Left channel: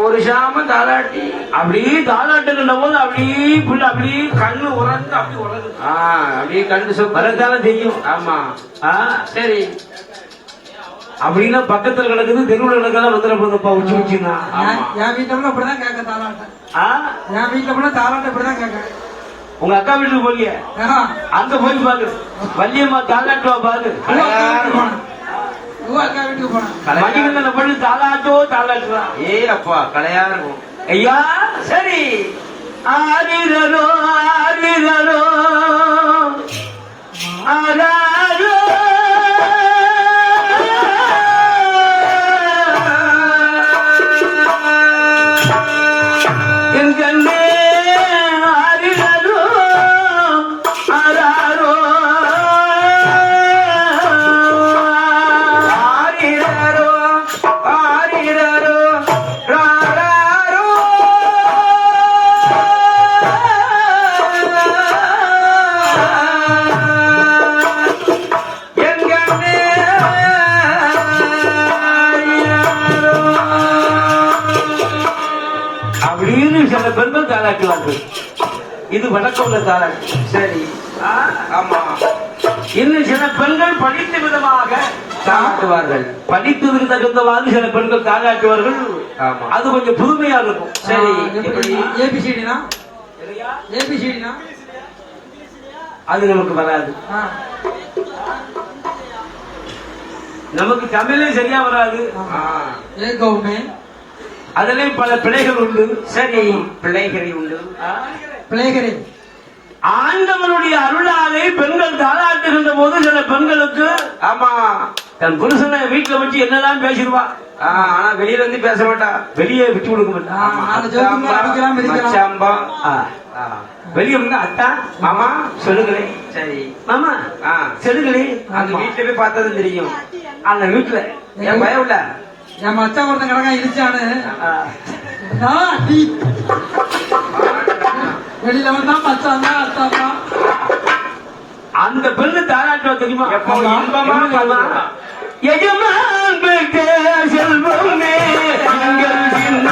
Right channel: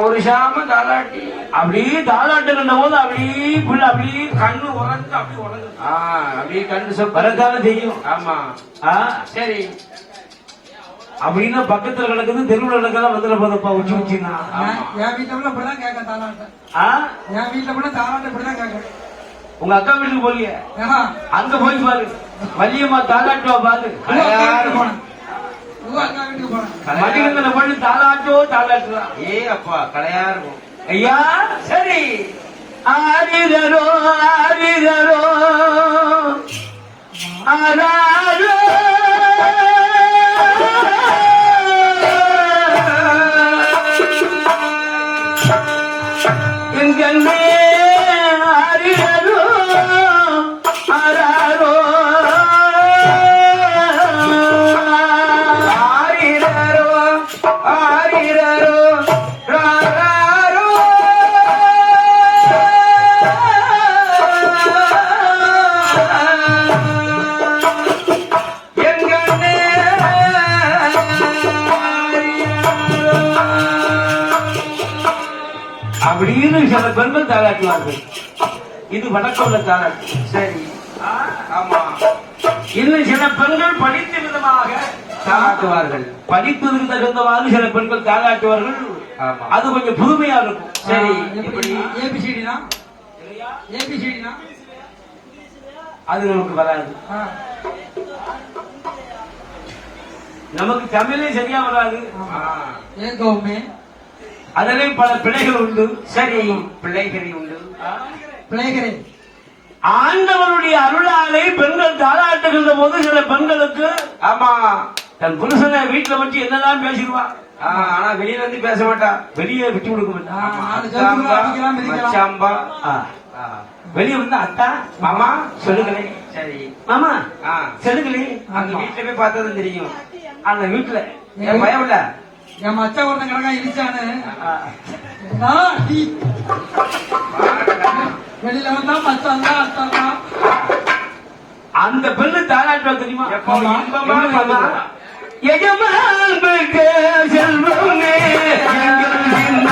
ஒரு சாம தாளாட்டி அப்படியே தாளாட்டுகின்ற போது அப்படியே புள்ள அப்படியே கண்ணு உறந்து அப்படி உறங்கு ஆ அப்படியே கண்டு சொல் வரத்தானே தெரியும். ஆமா. ஆ, சரி. அப்படின்னா பக்கத்துல கிடக்குது தெருவுல கிடக்கலாம் வந்துட போதப்பா உச்சி உச்சின்னா. என் வீட்டுல கூட அப்படிதான் கேட்க தாளாட்ட ஆ, என் வீட்டுல கூட தாளாட்ட இப்படிதான் கேட்க. உங்க அக்கா வீட்டுக்கு போலியே அங்க போய் பாரு. வள்ளியம்மா தாளாட்டுவா பாரு உங்க அக்கா வீட்டுக்கு போனேன் மடிக்கல பண்ணி தாளாட்டோ தாளாட்டுவா ஏய் அப்பா கலையா இருக்கும் ஐயா சரி ஆரிதரோ ஆரிதரோ ஆராரோ என் கண்ணே பெண்கள் தாளாட்டுவார்கள் இது வடக்குள்ள தாளாட்டு சரி. ஆமா. இன்னும் சில பெண்கள் படித்த விதமாக தாளாட்டுவார்கள் படித்ததுக்கு தகுந்தவாறு சில பெண்கள் தாளாட்டுவார்கள் ஆமா. அது கொஞ்சம் புதுமையா இருக்கும். சரி, எப்படி? ஏபிசிடினா? ஏபிசிடினா? அது நமக்கு வராது நமக்கு தமிழே சரியா வராது. ஆ, ஏகவுமே. அதிலேயும் பல பிழைகள் உண்டு. சரி பிள்ளைகளை உண்டு. பிளேகரை ஆண்டவனுடைய அருளாலை பெண்கள் தாளாட்டுகின்ற போது சில பெண்களுக்கு ஆமா. தன் புருஷனை வீட்டுல வச்சு என்னெல்லாம் பேசிடுவா? ஆனா வெளியில வந்து பேச மாட்டா. வெளியே விட்டு கொடுக்க மாட்டா. வெளியே வந்து அத்தா மாமா சொல்லுங்களே சரி. மாமா ஆ, சொல்லுங்களே அந்த வீட்டுல போய் பார்த்ததும் தெரியும். அந்த வீட்டுல என் பயம் இல்ல? என் மச்சான் ஒருத்தன் கிடக்கா இடிச்சானு ஆ, ஆ, டீ. வெளியில வந்தா மச்சான் தான் அத்தான் தான் அந்த பெண்ணு தாராட்டுவா தெரியுமா எப்போ இன்பமா என்ன பண்ணுவா? பண்ணுவா? எஜமான் செல்வமே எங்கள் சின்ன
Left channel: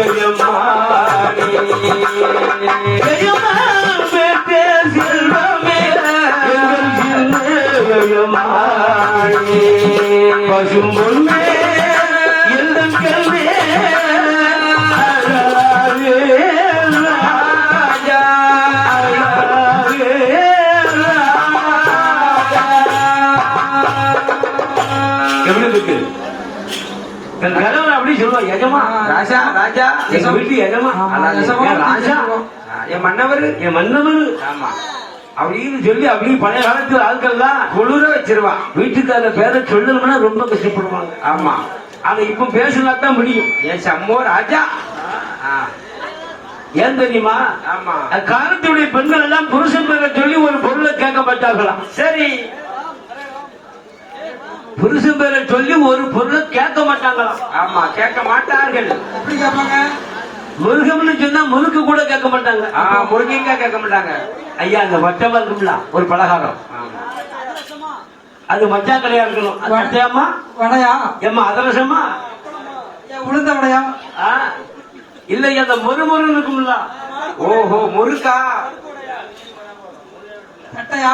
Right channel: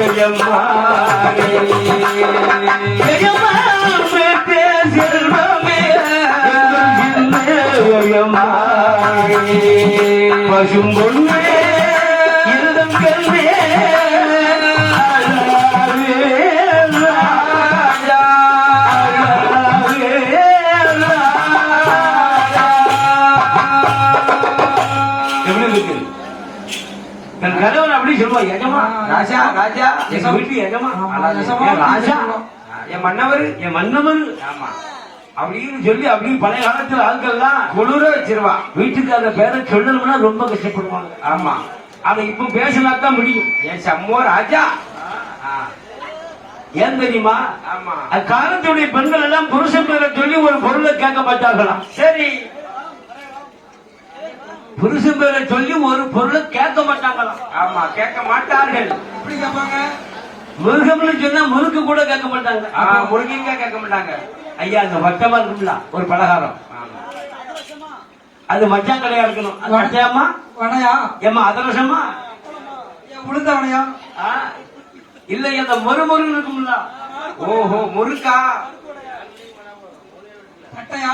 எஜமானே. சொல்லுவா எஜமா ராஜா ராஜா எங்க வீட்டு எஜமா ராஜா என் மன்னவர் என் மன்னவன் ஆமா அப்படின்னு சொல்லி அப்படி பழைய காலத்து ஆட்கள்லாம் குளிர வச்சிருவா வீட்டுக்கார பேரை சொல்லணும்னா ரொம்ப கஷ்டப்படுவாங்க ஆமா அதை இப்ப பேசினா தான் முடியும் என் சம்மோ ராஜா ஏன் தெரியுமா ஆமா அக்காலத்துடைய பெண்கள் எல்லாம் புருஷன் பேரை சொல்லி ஒரு பொருளை கேட்க மாட்டார்களாம் சரி புருஷன் பேரை சொல்லி ஒரு பொருளை ஆமா கேட்க மாட்டார்கள். எப்படி கேட்பாங்க? முருகம்னு சொன்னா முறுக்கு கூட கேட்க மாட்டாங்க. ஆ, முருங்கீங்க கேட்க மாட்டாங்க. ஐயா அந்த வட்டமா இருக்கும்ல ஒரு பலகாரம். அது மச்சா கடையா இருக்கணும். அது மச்சையாமா வடையா? ஏமா அதிரசமா உளுந்த வடையா? ஆ? இல்ல அந்த மொறுமொறு இருக்கும்ல. ஓஹோ முருக்கா தட்டையா?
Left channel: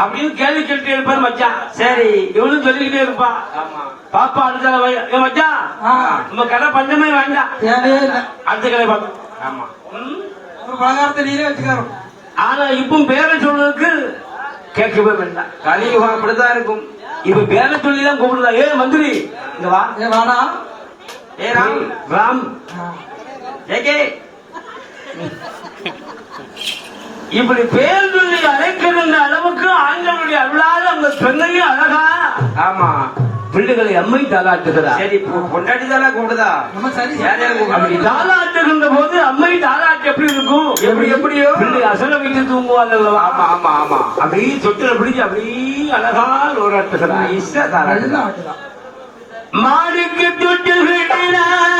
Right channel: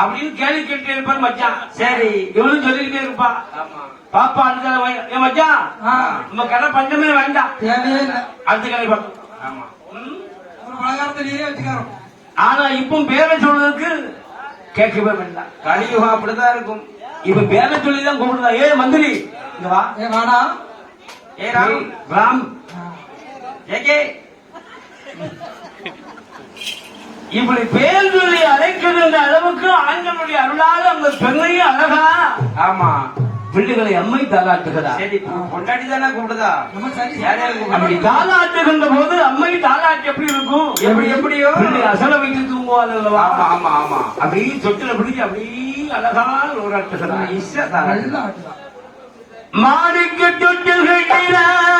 அப்படின்னு கேள்வி கேட்டுட்டே இருப்பார் மச்சான். சரி இவனும் சொல்லிக்கிட்டே இருப்பான் பாப்பா அடுத்த மச்சான் நம்ம கடை பஞ்சமே வேண்டாம். அடுத்த கடை பார்த்து ஆமா? ஒரு பலகாரத்தை நீரே வச்சுக்காரோம் ஆனா இப்போ பேரை சொல்றதுக்கு கேட்கவே வேண்டாம். கலியுகம் அப்படிதான் இருக்கும். இப்ப பேரை சொல்லி தான் கூப்பிடுறா ஏ மந்திரி இங்க வா. ஏ வாடா. ஏ ராம். ராம். ஏகே இப்படி பேர் சொல்லி அழைக்கின்ற அளவுக்கு ஆண்டவனுடைய அருளால் அந்த பெண்ணையும் அழகா ஆமா. பிள்ளைகளை அம்மை தாளாட்டுகிறார் சரி பொண்டாட்டி தானே கூப்பிடுதா? நம்ம சரி. யாரையா அப்படி? தாளாட்டுகின்ற போது அம்மை தாளாட்டு எப்படி இருக்கும்? எப்படி எப்படியோ? பிள்ளை அசல வைத்து தூங்குவாள் அல்லவா? ஆமா ஆமா ஆமா. அப்படியே தொட்டில பிடிச்சு அப்படியே அழகா லோராட்டுகிறார் மாணிக்க தொட்டில் கட்டினார்.